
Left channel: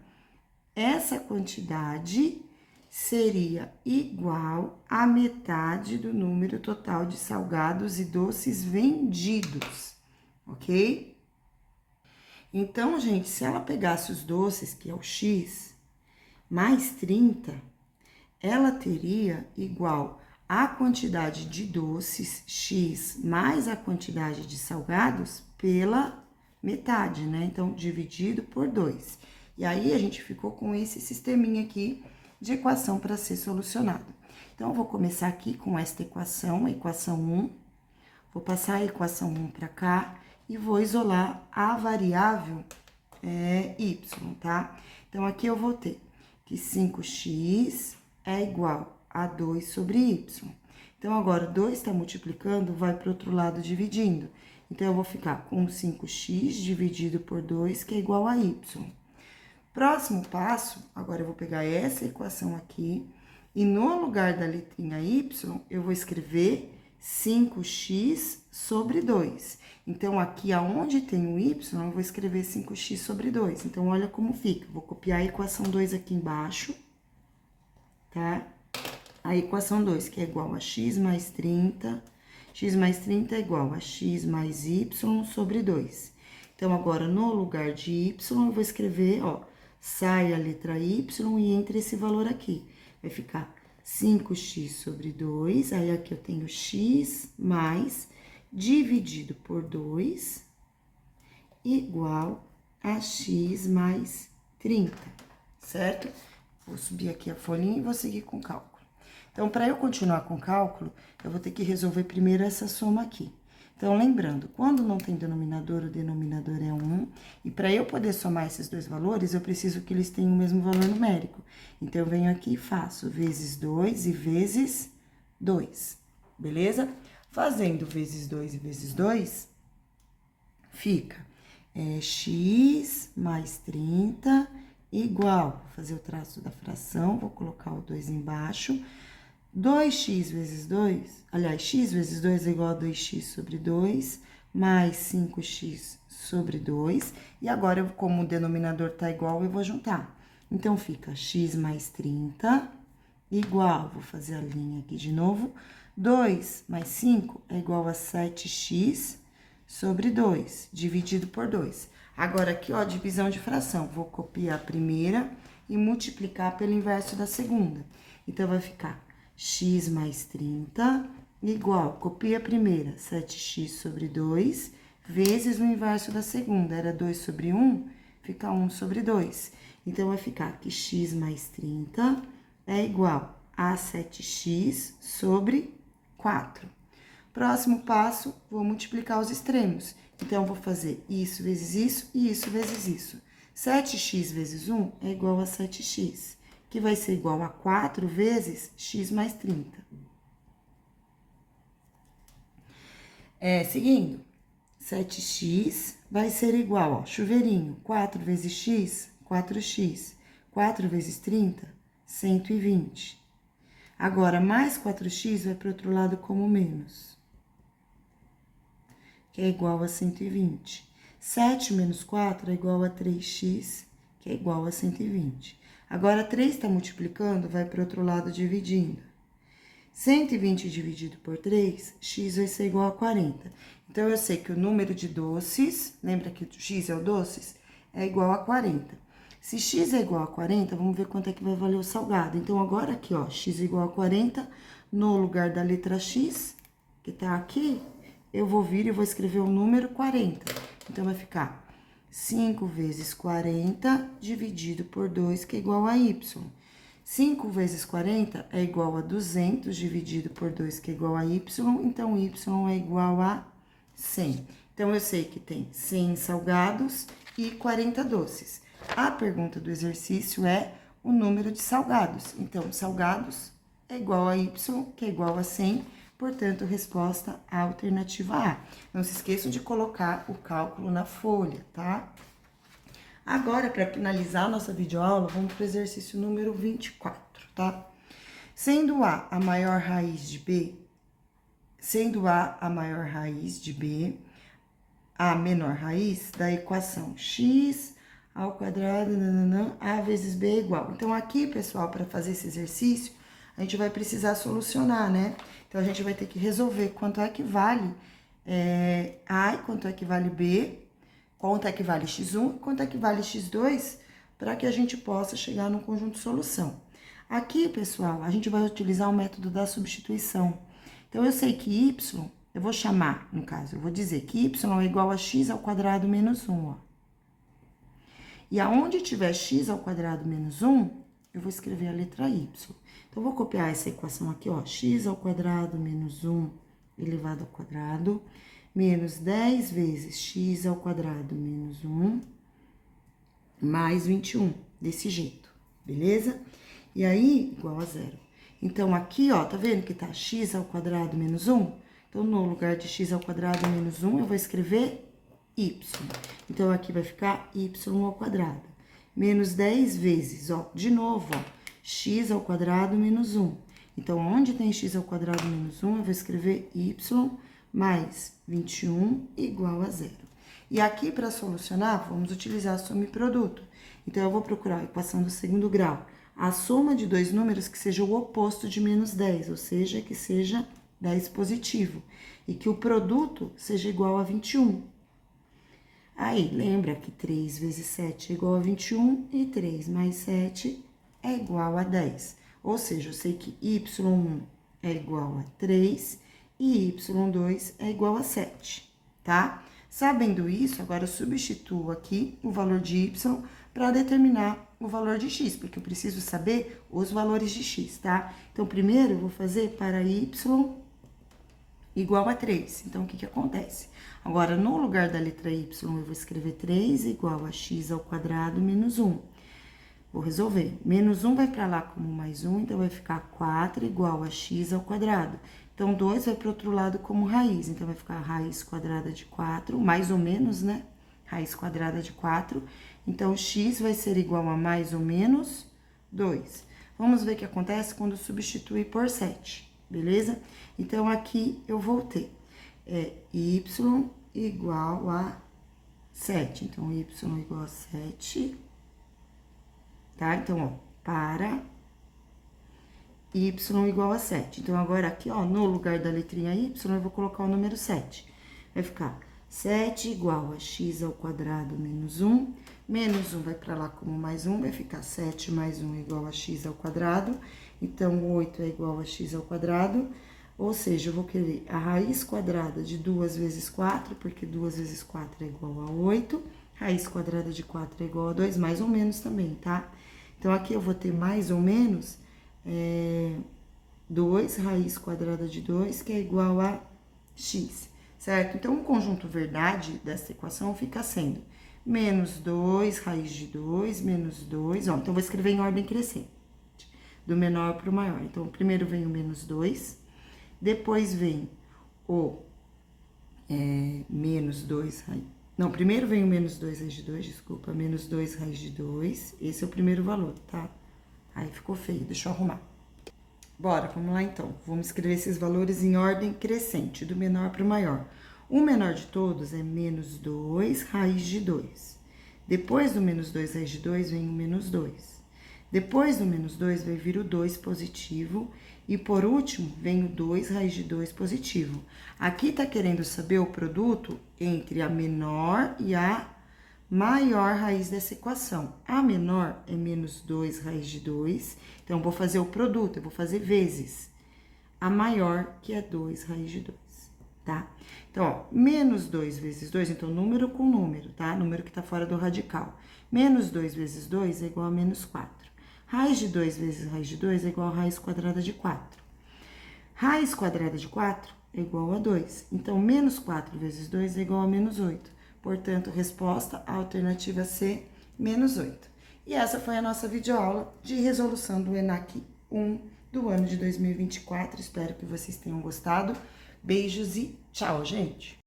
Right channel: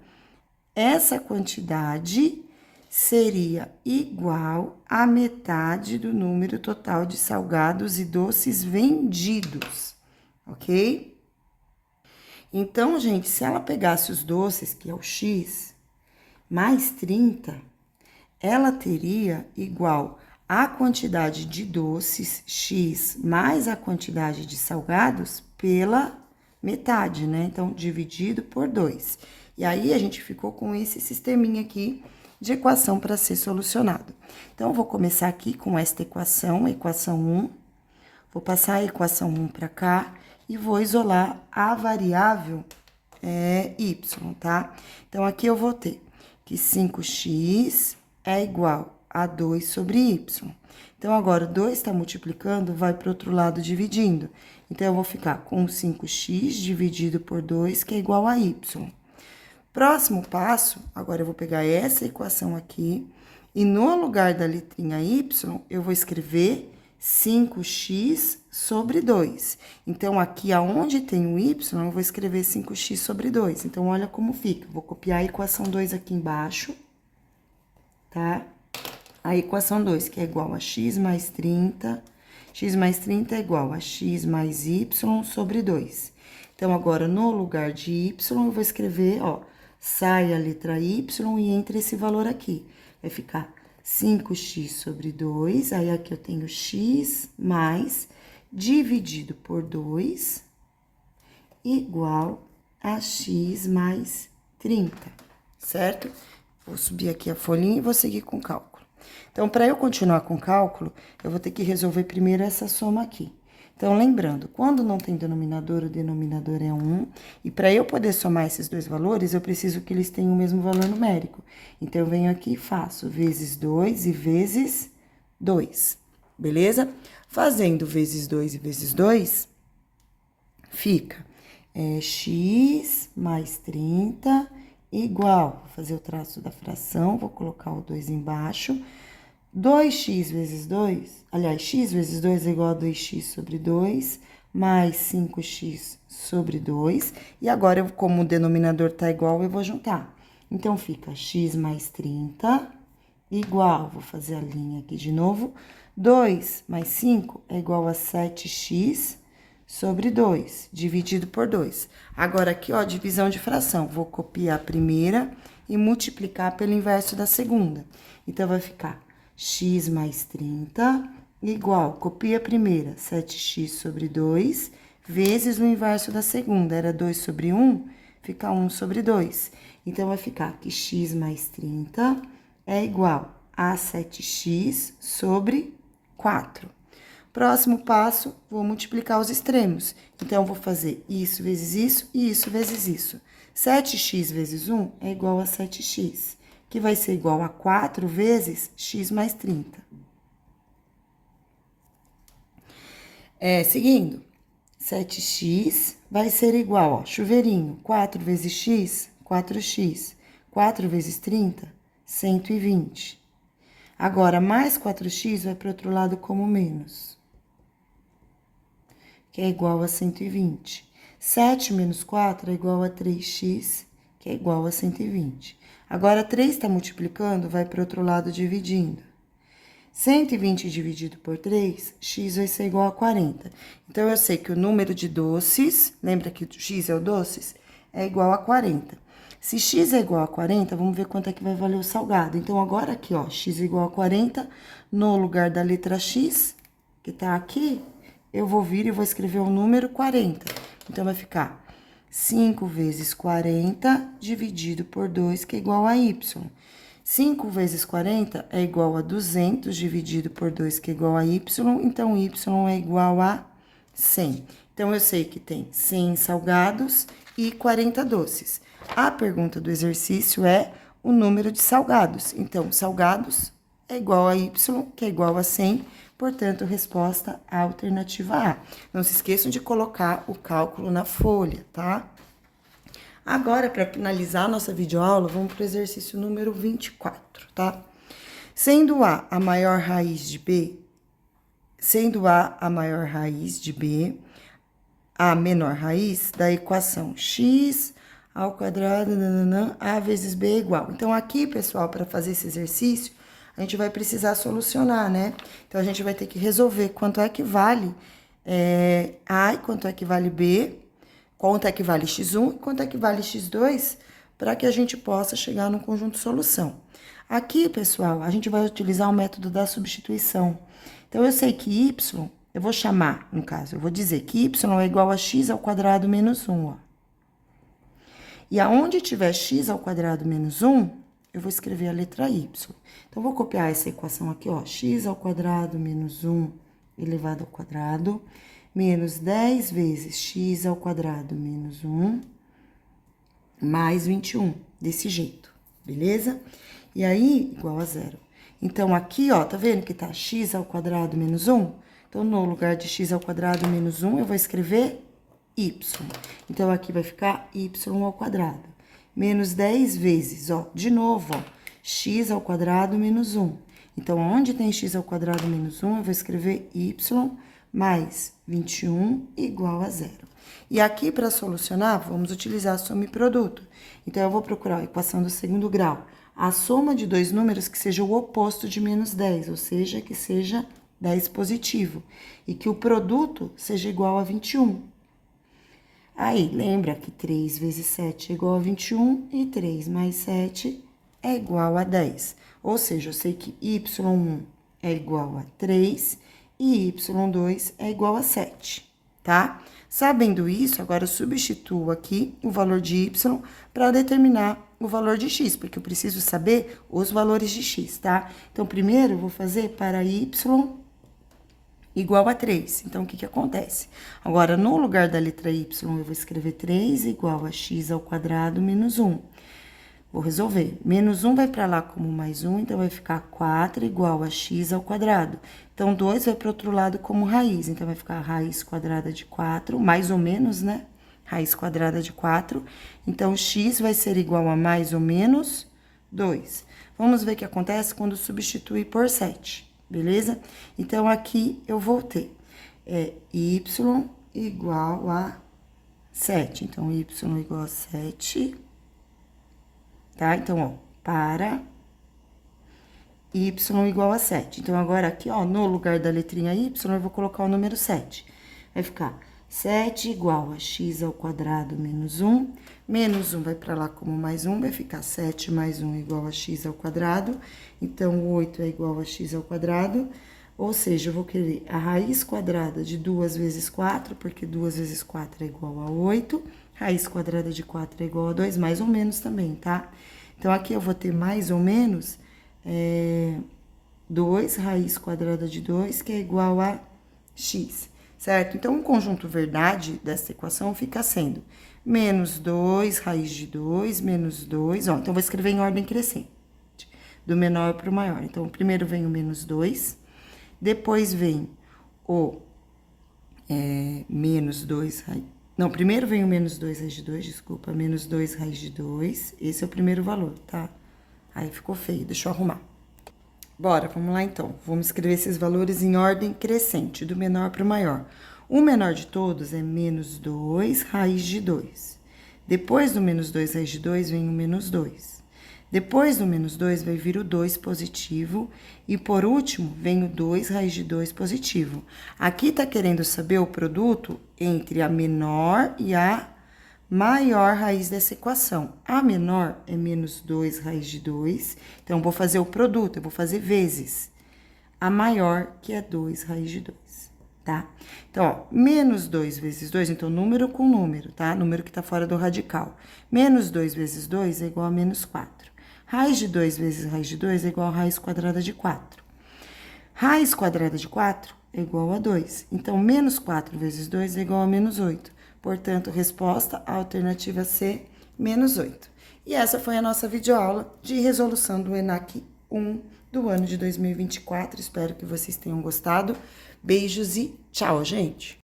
essa quantidade seria igual à metade do número total de salgados e doces vendidos, ok? Então, gente, se ela pegasse os doces, que é o x, mais 30, ela teria igual a quantidade de doces, x, mais a quantidade de salgados, pela metade, né? Então, dividido por 2. E aí, a gente ficou com esse sisteminha aqui de equação para ser solucionado. Então, eu vou começar aqui com esta equação, a equação 1. Vou passar a equação 1 para cá e vou isolar a variável y, tá? Então, aqui eu vou ter que 5x é igual a 2 sobre y. Então, agora, 2 está multiplicando, vai para o outro lado dividindo. Então, eu vou ficar com 5x dividido por 2, que é igual a y. Próximo passo, agora eu vou pegar essa equação aqui, e no lugar da letrinha y, eu vou escrever 5x sobre 2. Então, aqui aonde tem o y, eu vou escrever 5x sobre 2. Então, olha como fica. Vou copiar a equação 2 aqui embaixo, tá? A equação 2, que é igual a x mais 30. X mais 30 é igual a x mais y sobre 2. Então, agora, no lugar de y, eu vou escrever, ó, sai a letra y e entra esse valor aqui. Vai ficar 5x sobre 2, aí aqui eu tenho x mais dividido por 2, igual a x mais 30, certo? Vou subir aqui a folhinha e vou seguir com o cálculo. Então, para eu continuar com o cálculo, eu vou ter que resolver primeiro essa soma aqui. Então, lembrando, quando não tem denominador, o denominador é 1. E para eu poder somar esses dois valores, eu preciso que eles tenham o mesmo valor numérico. Então, eu venho aqui e faço vezes 2 e vezes 2, beleza? Fazendo vezes 2 e vezes 2, fica x mais 30 igual, vou fazer o traço da fração, vou colocar o 2 embaixo, 2x vezes 2, aliás, x vezes 2 é igual a 2x sobre 2, mais 5x sobre 2. E agora, como o denominador tá igual, eu vou juntar. Então, fica x mais 30 igual, vou fazer a linha aqui de novo, 2 mais 5 é igual a 7x sobre 2, dividido por 2. Agora, aqui, ó, divisão de fração. Vou copiar a primeira e multiplicar pelo inverso da segunda. Então, vai ficar x mais 30 igual, copia a primeira, 7x sobre 2, vezes o inverso da segunda, era 2 sobre 1, fica 1 sobre 2. Então, vai ficar que x mais 30 é igual a 7x sobre 4. Próximo passo, vou multiplicar os extremos. Então, eu vou fazer isso vezes isso e isso vezes isso. 7x vezes 1 é igual a 7x, que vai ser igual a 4 vezes x mais 30. Seguindo, 7x vai ser igual, ó, chuveirinho, 4 vezes x, 4x. 4 vezes 30, 120. Agora, mais 4x vai para o outro lado como menos, que é igual a 120. 7 menos 4 é igual a 3x, que é igual a 120. Agora, 3 está multiplicando, vai para o outro lado dividindo. 120 dividido por 3, x vai ser igual a 40. Então, eu sei que o número de doces, lembra que o x é o doces? É igual a 40. Se x é igual a 40, vamos ver quanto é que vai valer o salgado. Então, agora aqui, ó, x é igual a 40, no lugar da letra x, que tá aqui, eu vou vir e vou escrever o número 40. Então, vai ficar 5 vezes 40 dividido por 2, que é igual a y. 5 vezes 40 é igual a 200 dividido por 2, que é igual a y. Então, y é igual a 100. Então, eu sei que tem 100 salgados e 40 doces. A pergunta do exercício é o número de salgados. Então, salgados é igual a y, que é igual a 100. Portanto, resposta alternativa A. Não se esqueçam de colocar o cálculo na folha, tá? Agora, para finalizar a nossa videoaula, vamos para o exercício número 24, tá? Sendo A a maior raiz de B, sendo A a maior raiz de B, a menor raiz da equação x ao quadrado, a vezes b é igual. Então, aqui, pessoal, para fazer esse exercício, a gente vai precisar solucionar, né? Então, a gente vai ter que resolver quanto é que vale a e quanto é que vale b, quanto é que vale x1 e quanto é que vale x2, para que a gente possa chegar no conjunto solução. Aqui, pessoal, a gente vai utilizar o método da substituição. Então, eu sei que y, eu vou chamar, no caso, eu vou dizer que y é igual a x ao quadrado menos 1, ó. E aonde tiver x ao quadrado menos 1, eu vou escrever a letra y. Então, eu vou copiar essa equação aqui, ó, x ao quadrado menos 1 elevado ao quadrado, menos 10 vezes x ao quadrado menos 1, mais 21, desse jeito, beleza? E aí, igual a zero. Então, aqui, ó, tá vendo que tá x ao quadrado menos 1? Então, no lugar de x ao quadrado menos 1, eu vou escrever y. Então, aqui vai ficar y ao quadrado. Menos 10 vezes, ó, de novo, ó, x ao quadrado menos 1. Então, onde tem x ao quadrado menos 1, eu vou escrever y mais 21 igual a zero. E aqui, para solucionar, vamos utilizar a soma e produto. Então, eu vou procurar a equação do segundo grau. A soma de dois números que seja o oposto de menos 10, ou seja, que seja 10 positivo. E que o produto seja igual a 21. Aí, lembra que 3 vezes 7 é igual a 21 e 3 mais 7 é igual a 10. Ou seja, eu sei que y1 é igual a 3 e y2 é igual a 7, tá? Sabendo isso, agora eu substituo aqui o valor de y para determinar o valor de x, porque eu preciso saber os valores de x, tá? Então, primeiro eu vou fazer para y igual a 3. Então, o que que acontece? Agora, no lugar da letra y, eu vou escrever 3 igual a x ao quadrado menos 1. Vou resolver. Menos 1 vai para lá como mais 1, então vai ficar 4 igual a x ao quadrado. Então, 2 vai para o outro lado como raiz, então vai ficar raiz quadrada de 4, mais ou menos, né? Raiz quadrada de 4. Então, x vai ser igual a mais ou menos 2. Vamos ver o que acontece quando substituir por 7. Beleza? Então, aqui eu vou ter y igual a 7. Então, y igual a 7, tá? Então, ó, para y igual a 7. Então, agora aqui, ó, no lugar da letrinha y, eu vou colocar o número 7. Vai ficar 7 igual a x ao quadrado menos 1 Menos 1 vai para lá como mais 1, vai ficar 7 mais 1 é igual a x ao quadrado. Então, 8 é igual a x ao quadrado. Ou seja, eu vou querer a raiz quadrada de 2 vezes 4, porque 2 vezes 4 é igual a 8. Raiz quadrada de 4 é igual a 2, mais ou menos também, tá? Então, aqui eu vou ter mais ou menos 2 raiz quadrada de 2, que é igual a x, certo? Então, o conjunto verdade dessa equação fica sendo menos 2 raiz de 2, menos 2, ó. Então, vou escrever em ordem crescente, do menor para o maior. Então, primeiro vem o menos 2, depois vem o menos 2 raiz... Não, primeiro vem o menos 2 raiz de 2, desculpa, menos 2 raiz de 2. Esse é o primeiro valor, tá? Aí ficou feio, deixa eu arrumar. Bora, vamos lá então. Vamos escrever esses valores em ordem crescente, do menor para o maior. O menor de todos é menos 2 raiz de 2. Depois do menos 2 raiz de 2, vem o menos 2. Depois do menos 2, vai vir o 2 positivo. E, por último, vem o 2 raiz de 2 positivo. Aqui tá querendo saber o produto entre a menor e a maior raiz dessa equação. A menor é menos 2 raiz de 2. Então, vou fazer o produto, eu vou fazer vezes a maior, que é 2 raiz de 2, tá? Então, ó, menos 2 vezes 2, então, número com número, tá? Número que tá fora do radical. Menos 2 vezes 2 é igual a menos 4. Raiz de 2 vezes raiz de 2 é igual a raiz quadrada de 4. Raiz quadrada de 4 é igual a 2. Então, menos 4 vezes 2 é igual a menos 8. Portanto, resposta alternativa C, menos 8. E essa foi a nossa videoaula de resolução do ENAC 1 do ano de 2024. Espero que vocês tenham gostado. Beijos e tchau, gente!